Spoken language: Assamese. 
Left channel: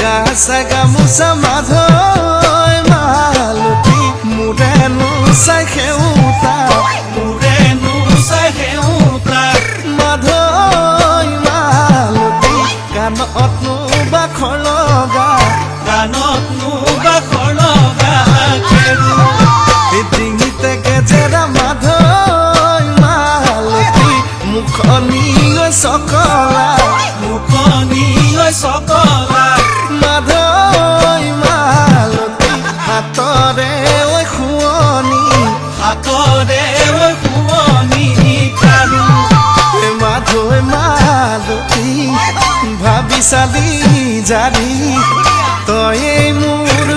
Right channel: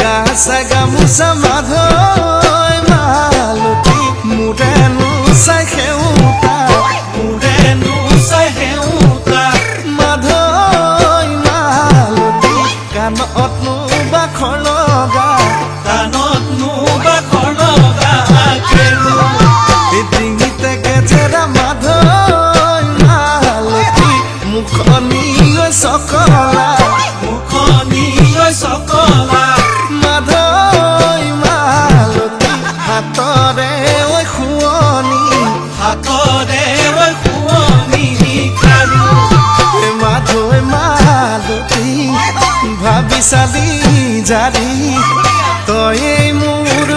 গাছা গামোচা মাধৈ মালতী মোৰেনো চাই সেউতা মাধৈ মালতী কাণতনো বাখৰ লগা ডিঙিতে গেজেৰা মাধৈ মালতী মুখনি চকলা মাধৈ মালতী হাতৰে শুৱনি মাধৈ মালতী ভাবি চালি জাৰি তই মোৰ